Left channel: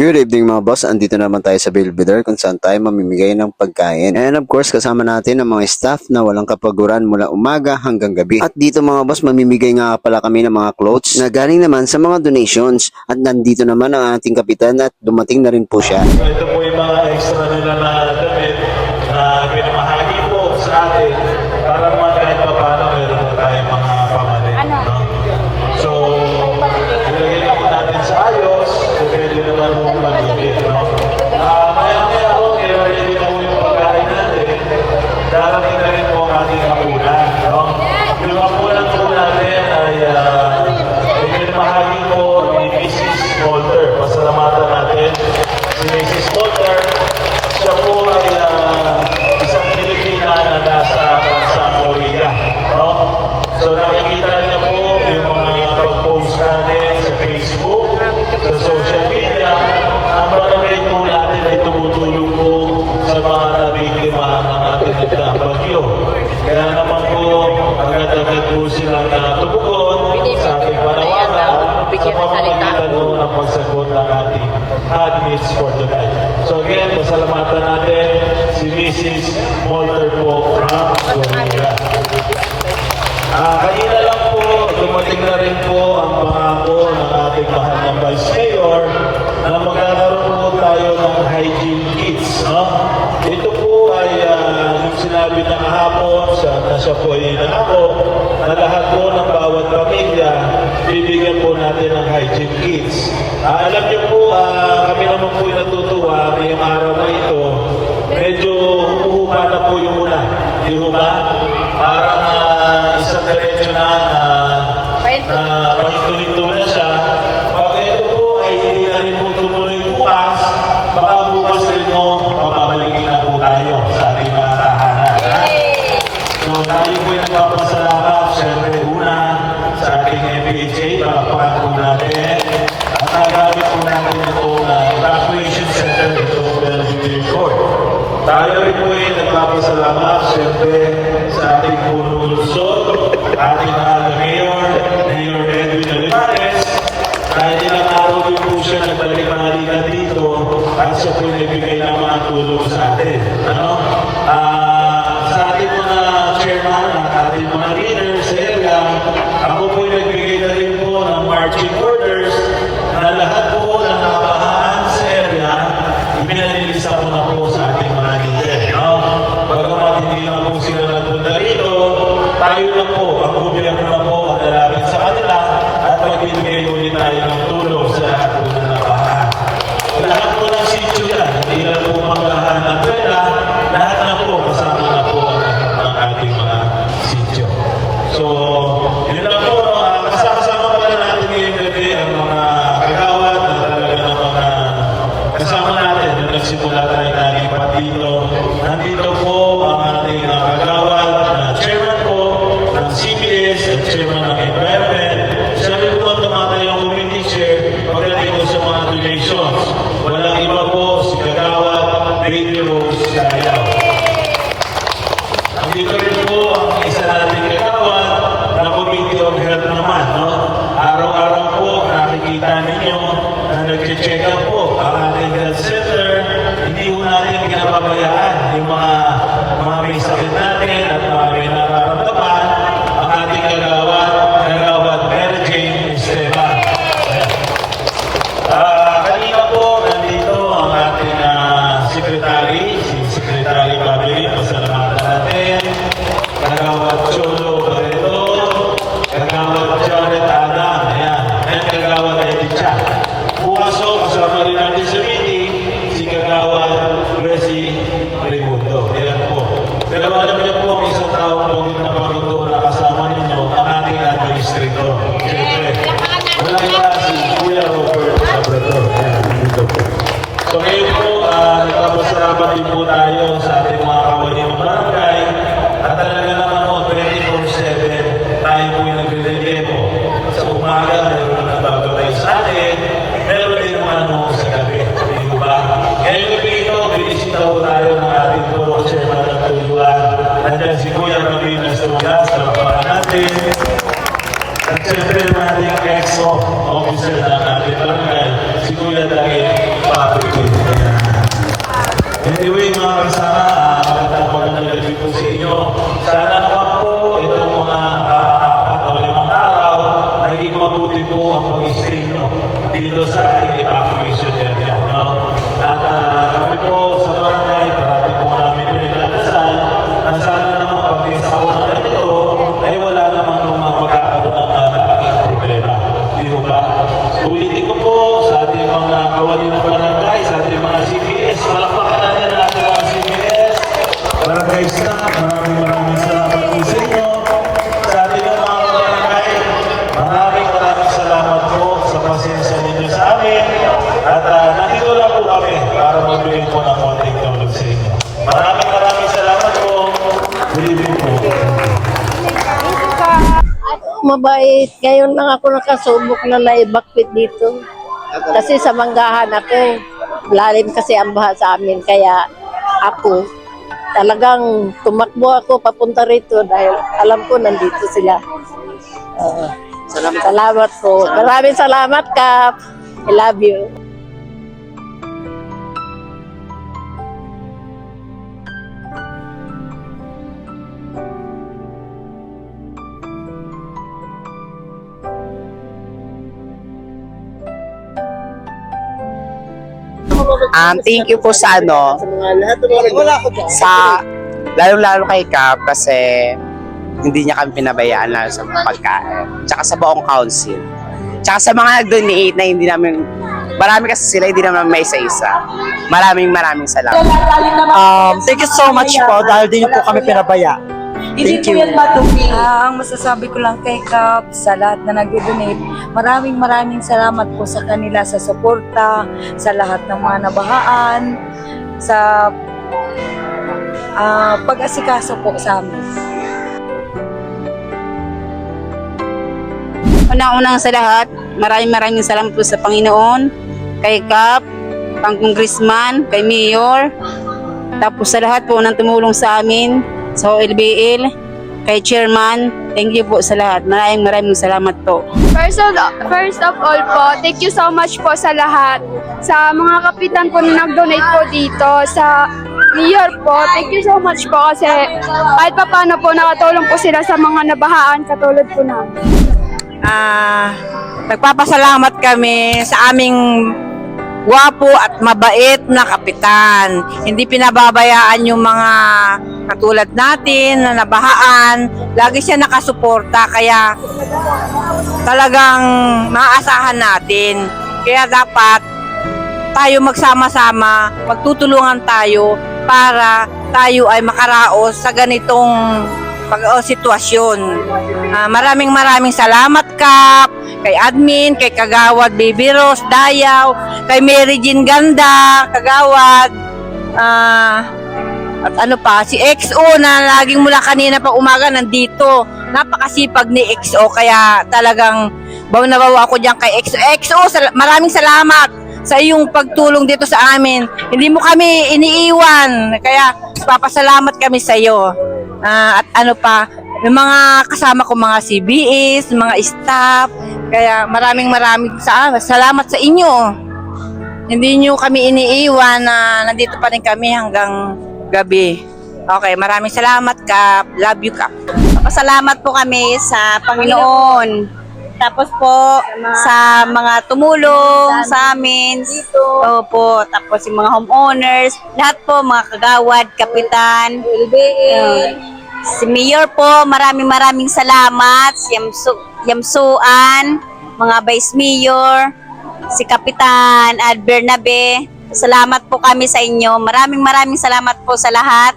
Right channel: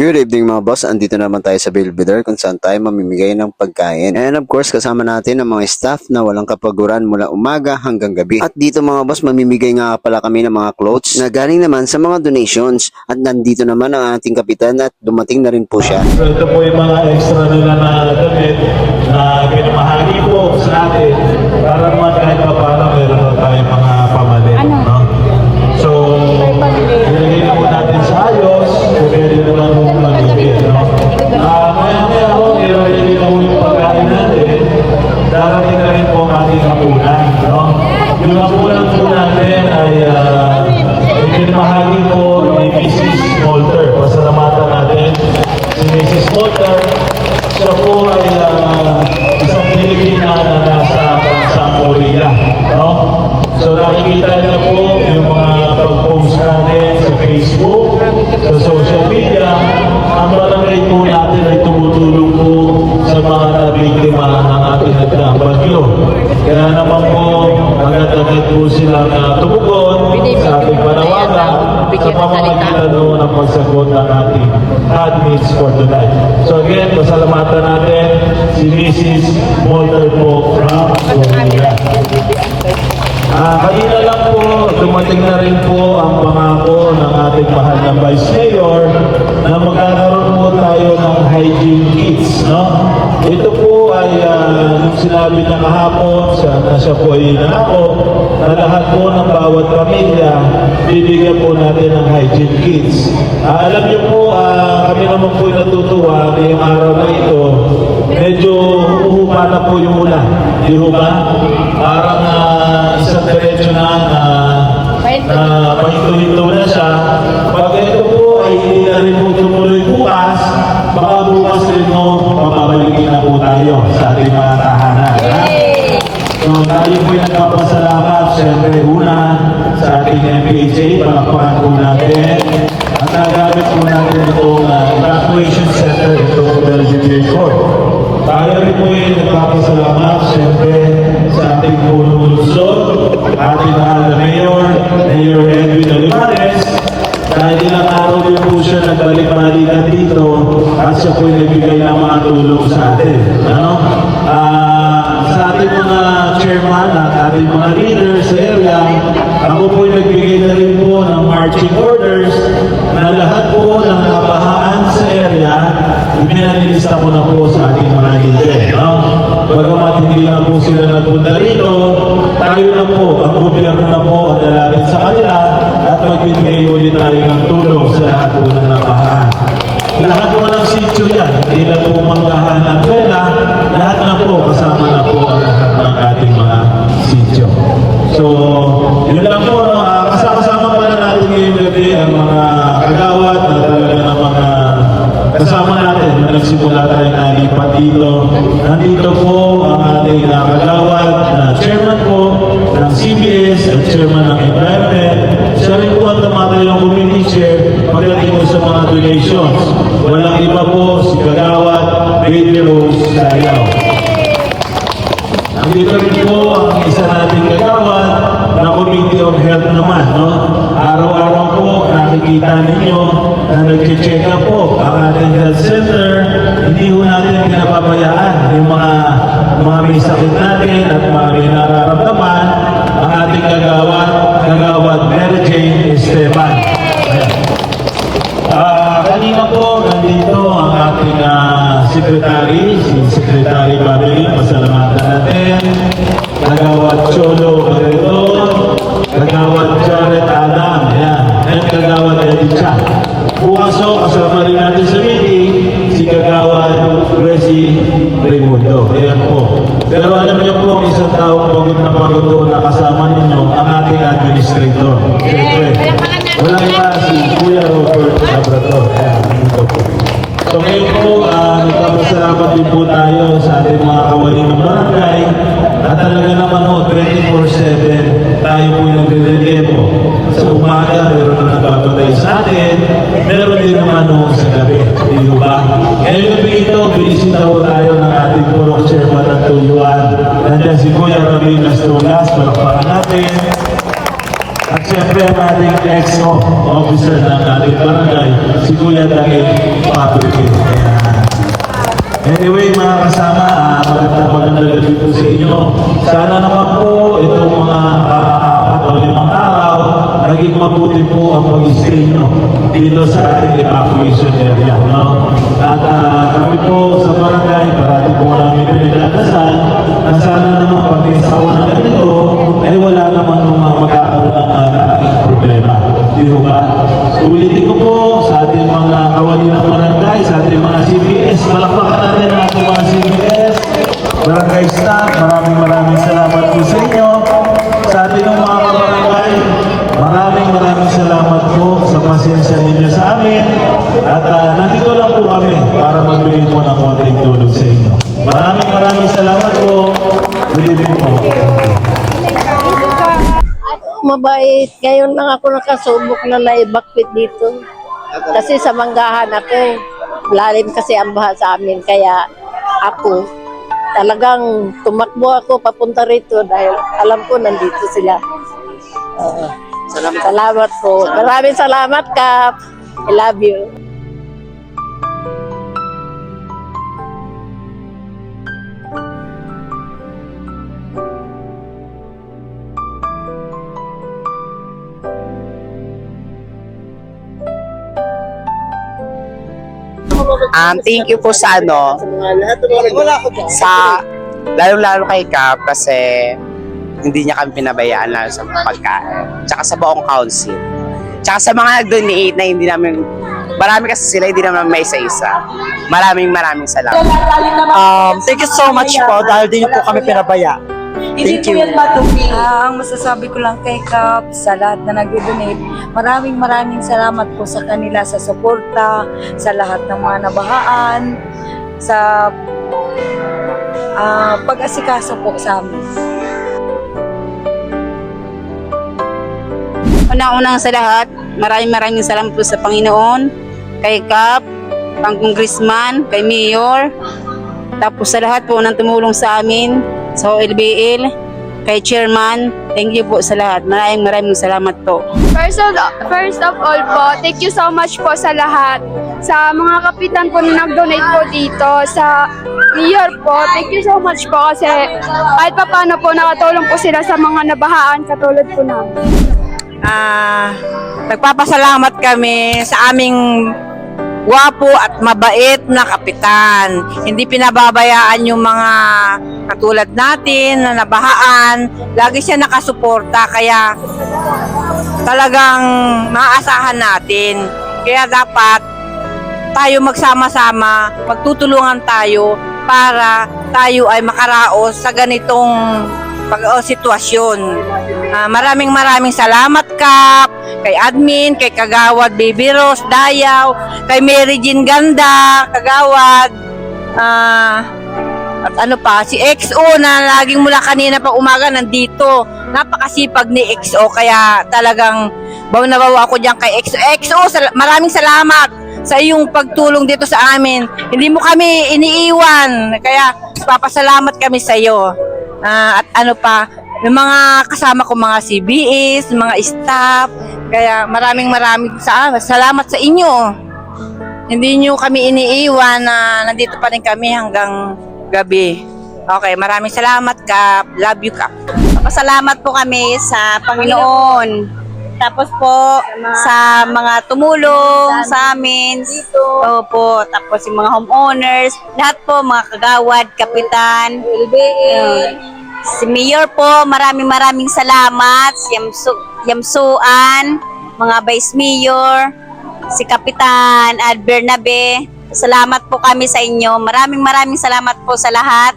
Good evening mga boss, andito naman tayo sa Belvedere kung saan tayo mamimigay ng pagkain. And of course, kasama natin ang mga staff na walang kapaguran mula umaga hanggang gabi. At dito mga boss, mamimigay nga pala kami ng mga clothes na galing naman sa mga donations. At nandito naman ang ating kapitan at dumating na rin po siya. So ito po yung mga extra nila na damit na pinamahali po sa atin para naman kahit pa para meron na tayo mga pamalit. Ano? No? So, pinagiging po natin sa ayos, so pwede naman po malibig. No? Maya-maya po, nilagay na po yung pagkain natin, darating na rin po ating kapunan. No? Yung kapunan po natin ay pinamahali po ni Mrs. Walter. Pasalamatan natin si Mrs. Walter. Siya po ay isang Pilipina na nasa bansang Korea. No? So nakikita niya po yung mga pag-post natin sa Facebook, sa social media. Ang barangay po natin ay tumutulong po sa mga nabiktima ng ating nagkabagyo. Kaya naman po, agad-agad po silang tumugon sa ating panawagan sa pamamagitan po ng pagsagot ng ating admins for tonight. So again, pasalamatan natin si Mrs. Walter po from Korea. Kanina lang po, dumating na rin po ang pangako ng ating mahal na Vice Mayor na magkakaroon po tayo ng hygiene kits. No? Ito po ay sinabi na kahapon na siya po ay nangako na lahat po ng bawat pamilya bibigyan po natin ng hygiene kits. Alam niyo po, kami naman po yung natutuwa ngayong araw na ito. Medyo humumata po yung una. Di ba? Parang isang diretso na pagituloy na siya. Pag ito po ay hindi na rin po tumuloy bukas, baka bukas rin po papabalikin na po tayo sa ating mga tahanan. So, natin po yung nagpapasalamat, siyempre una sa ating MPHA, palapakan po natin. Ang nagamit po natin itong evacuation center, itong WBA Court. Tayo rin po yung nagpapasalamat, siyempre sa ating puro lungsod, ating mahal na Mayor Edwin Olivares, dahil nakatuloy po siya na balik-balikan dito at siya po nagbigay ng mga tulong sa atin. Ano? Sa ating mga chairman at ating mga leaders sa area, ako po nagbigay na rin po ng marching orders na lahat po ng nabahaan sa area, ipinanilista po na po sa ating mga leader. No? Pagkamat hindi lang po sila nagpunta rito, tayo na po, ang gobyerno na po ang lalapit sa kanila at magbibigay ulit tayo ng tulong sa lahat po na nabahaan. Lahat po ng sityo yan, hindi lang po manggahan ng pera, lahat na po kasama na po ang lahat ng ating mga sityo. So, yun lang po, no? Kasama pala natin ngayon gabi ang mga kagawad at talaga ng mga kasama natin. Nagsimula tayo nalipat dito. Nandito po ang ating kagawad na chairman po ng CBS at chairman ng environment. Siya rin po ang tumatay ng community chair pagdating po sa mga donations. Walang iba po si kagawad Radio Rose Dayaw. Nandito rin po ang isa nating kagawad na Committee of Health naman. No? Araw-araw po nakikita ninyo na nag-check up po ang ating health center. Hindi po natin pinapabayaan yung mga may sakit natin at mga may nararamdaman ang ating kagawad Mary Jane Esteban. Kanina po nandito ang ating secretary, si Secretary Babelin, pasalamatan natin. Kagawad Cholo Barreto, kagawad Jared Adam, ayan, at kagawad Eddie Chan. Bukas po, kasama rin natin sa meeting, si kagawad Reggie Raimundo. Ayan po. Pero alam niyo po, isang taong pagod na pagod na kasama ninyo ang ating administrator. Siyempre, wala iba si Kuya Robert Labrador. Ayan, dito po. So ngayon po, nagpapasalamat din po tayo sa ating mga kawali ng barangay at talaga naman po, 24/7 tayo po yung nagre-relevo. Sa umaga, meron na nagpapatay sa atin, meron din naman sa gabi. Di ba? Ngayon dito, binisita po tayo ng ating po chairman at tuyuan. Nandiyan si Kuya Rabinas Tulas, palakpakan natin. At siyempre ang ating ex officer ng ating barangay, si Kuya David Patrick. Anyway, mga kasama, magandang gabi po sa inyo. Sana naman po itong nakakapatuloy araw, naging mabuti po ang pag-stay nyo dito sa ating evacuation area. No? At kami po sa barangay, parati po namin pinagdadasal, na sana naman pati sa unang ito, ay wala naman mga magkakaroon ng problema. Di ba? Ulitin ko po sa ating mga kawali ng barangay, sa ating mga CBS, palakpakan natin ang ating mga CBS, barangay staff, maraming salamat po sa inyo. Sa ating mga barangay, maraming salamat po sa pasensya ninyo sa amin. At nandito lang po kami para magbigay po ng konting tulong sa inyo. Maraming salamat po. Good evening po. Mabait. Ngayon lang ako nakasubok na naibakpit dito. Kasi sa Manggahan ako, lalim kasi ang baha sa amin. Kaya ako, talagang tumakbo ako papunta rito dahil alam ko nandito sila. Salamat po. Maraming salamat, Kap. I love you. Thank you po sa sa lalo-lalo kay Cap kasi hindi niya kami pinabayaan lalo sa pagkain. Tsaka sa buong council. Tsaka sa mga nag-donate na hindi namin, marami kasi sila, hindi naman may isa-isa. Maraming salamat. Thank you so much po dahil din po kami pinabaya. Thank you. Ang masasabi ko lang kay Kap sa lahat na nag-donate, maraming salamat po sa kanila sa suporta, sa lahat ng mga nabahaan, sa pag-asikaso po sa amin. Una-unang sa lahat, maraming salamat po sa Panginoon, kay Kap, pang congressman, kay Mayor, tapos sa lahat po nang tumulong sa amin, sa OLBL, kay Chairman, thank you po sa lahat. Maraming salamat po. First of all po, thank you so much po sa lahat. Sa mga kapitan po na nag-donate po dito, sa Mayor po, thank you so much po kasi kahit pa paano po nakatulong po sila sa mga nabahaan katulad po namin. Nagpapasalamat kami sa aming gwapo at mabait na kapitan. Hindi pinababayaan yung mga katulad natin na nabahaan. Lagi siya nakasuporta kaya talagang maaasahan natin. Kaya dapat tayo magsama-sama, magtutulungan tayo para tayo ay makaraos sa ganitong sitwasyon. Maraming salamat, Kap, kay admin, kay Kagawad Baby Rose Dayaw, kay Mary Jean Ganda Kagawad, at ano pa, si XO na laging mula kanina pa umaga nandito. Napakasipag ni XO kaya talagang baw na baw ako diyan kay XO. XO, maraming salamat sa iyong pagtulong dito sa amin. Hindi mo kami iniiwan kaya papasalamat kami sa iyo. At ano pa, yung mga kasama ko, mga CBS, mga staff, kaya maraming salamat sa inyo. Hindi nyo kami iniiwan na nandito pa rin kami hanggang gabi. Okay, maraming salamat, Kap. Love you, Kap. Pasalamat po kami sa Panginoon. Tapos po sa mga tumulong sa amin. Opo, tapos yung mga homeowners, lahat po, mga kagawad, kapitan, si Mayor po, maraming salamat, si Yamsuan, mga Vice Mayor, si Kapitan Ad Bernabe. Salamat po kami sa inyo. Maraming salamat po sa lahat.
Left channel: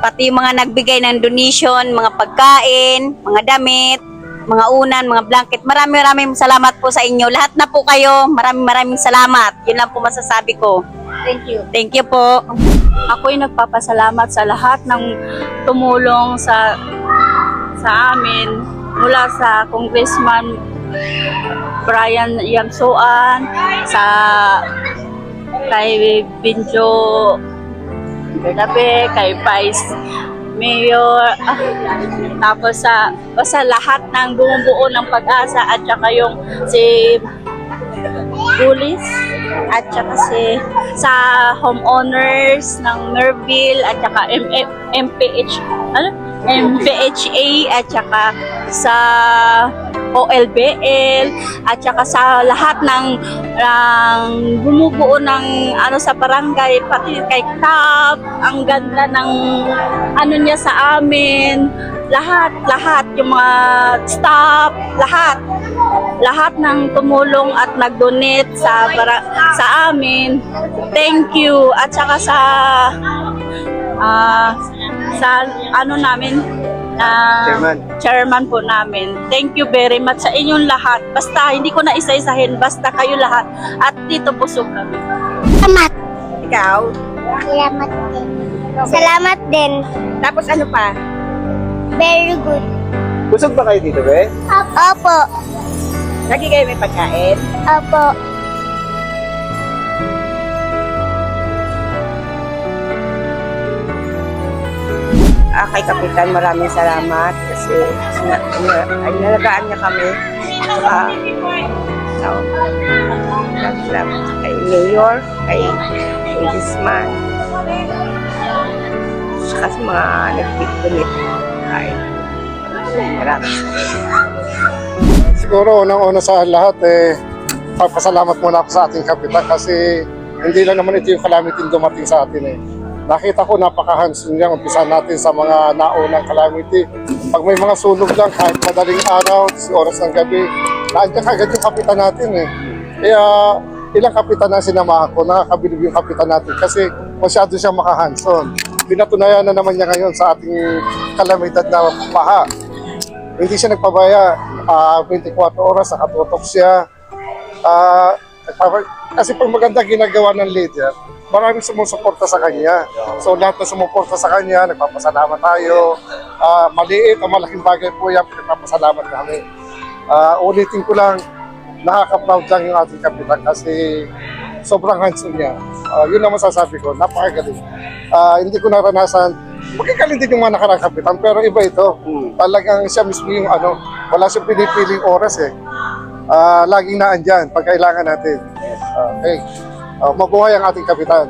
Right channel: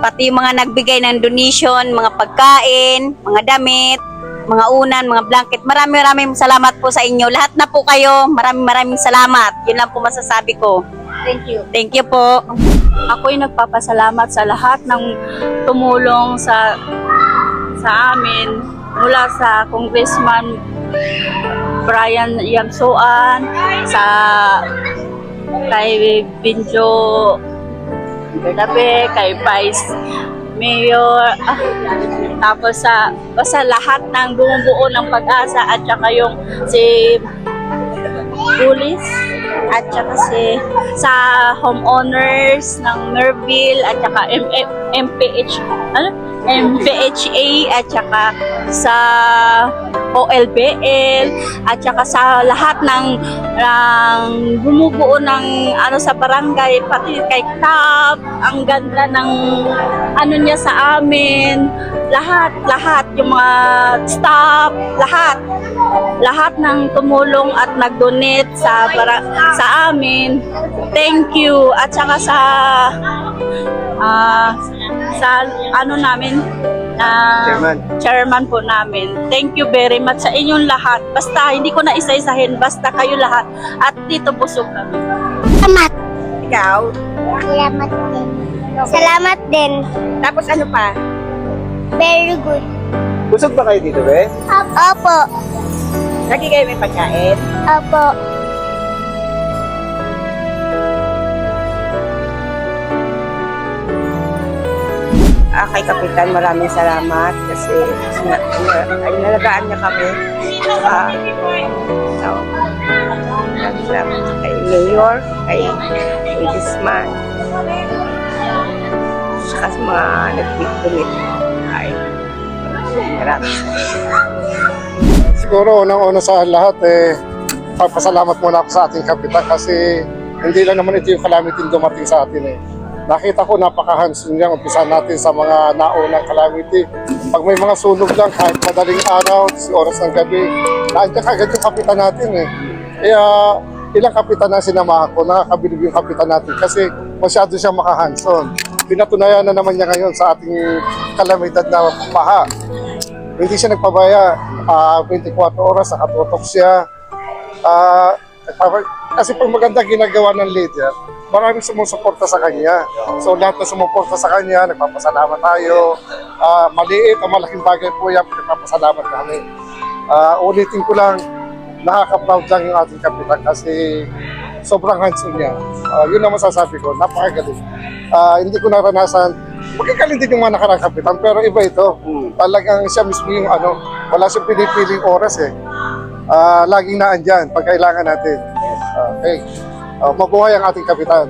Pati yung mga nagbigay ng donation, mga pagkain, mga damit, mga unan, mga blanket. Maraming salamat po sa inyo. Lahat na po kayo. Maraming salamat. Yun lang po masasabi ko. Thank you. Thank you po. Ako'y nagpapasalamat sa lahat ng tumulong sa amin mula sa Congressman Brian Yamsuan, kay Binjo Bernabe, kay Vice Mayor, tapos sa lahat ng bumubuo ng Pag-asa at saka yung si Pulis at saka sa homeowners ng Merville at saka MPHA at saka sa OLBL at saka sa lahat ng bumubuo ng sa barangay, pati kay Kap, ang ganda ng niya sa amin, lahat yung mga staff, lahat ng tumulong at nag-donate sa amin. Thank you. At saka sa namin, chairman po namin. Thank you very much sa inyong lahat. Basta hindi ko na isa-isahin, basta kayo lahat. At dito busog kami. Salamat. Ikaw? Salamat din. Salamat din. Tapos ano pa? Very good. Busog ba kayo dito, be? Opo. Lagi kayo may pagkain? Opo. Kay Kapitan, maraming salamat kasi nalagaan niya kami. Salamat kay Mayor, kay Congressman, saka sa mga nag-donate. Maraming Siguro, unang-una sa lahat, papasalamat muna ako sa ating kapitan kasi hindi lang naman ito yung calamity dumating sa atin. Nakita ko napaka-hands-on niya, umpisa natin sa mga naunang calamity. Pag may mga sunog lang, kahit madaling araw, oras ng gabi, naandyan kagad yung kapitan natin. Kaya ilang kapitan na sinamahan ko, nakakabilib yung kapitan natin kasi masyado siyang maka-hands-on. Pinatunayan na naman niya ngayon sa ating kalamidad na baha. Hindi siya nagpabaya, 24 oras, nakatutok siya. Kasi pag maganda ginagawa ng leader, maraming sumusuporta sa kanya. So lahat na sumuporta sa kanya, nagpapasalamat tayo. Maliit o malaking bagay po yan, nagpapasalamat kami. Ulitin ko lang, nakaka-proud lang yung ating kapitan kasi sobrang handsome niya. Yun ang masasabi ko, napakagaling. Hindi ko naranasan, magkakaling din yung mga nakarang kapitan, pero iba ito. Talagang siya mismo yung wala siyang pinipiling oras laging naandyan pag kailangan natin. Okay. Mabuhay ang ating kapitan.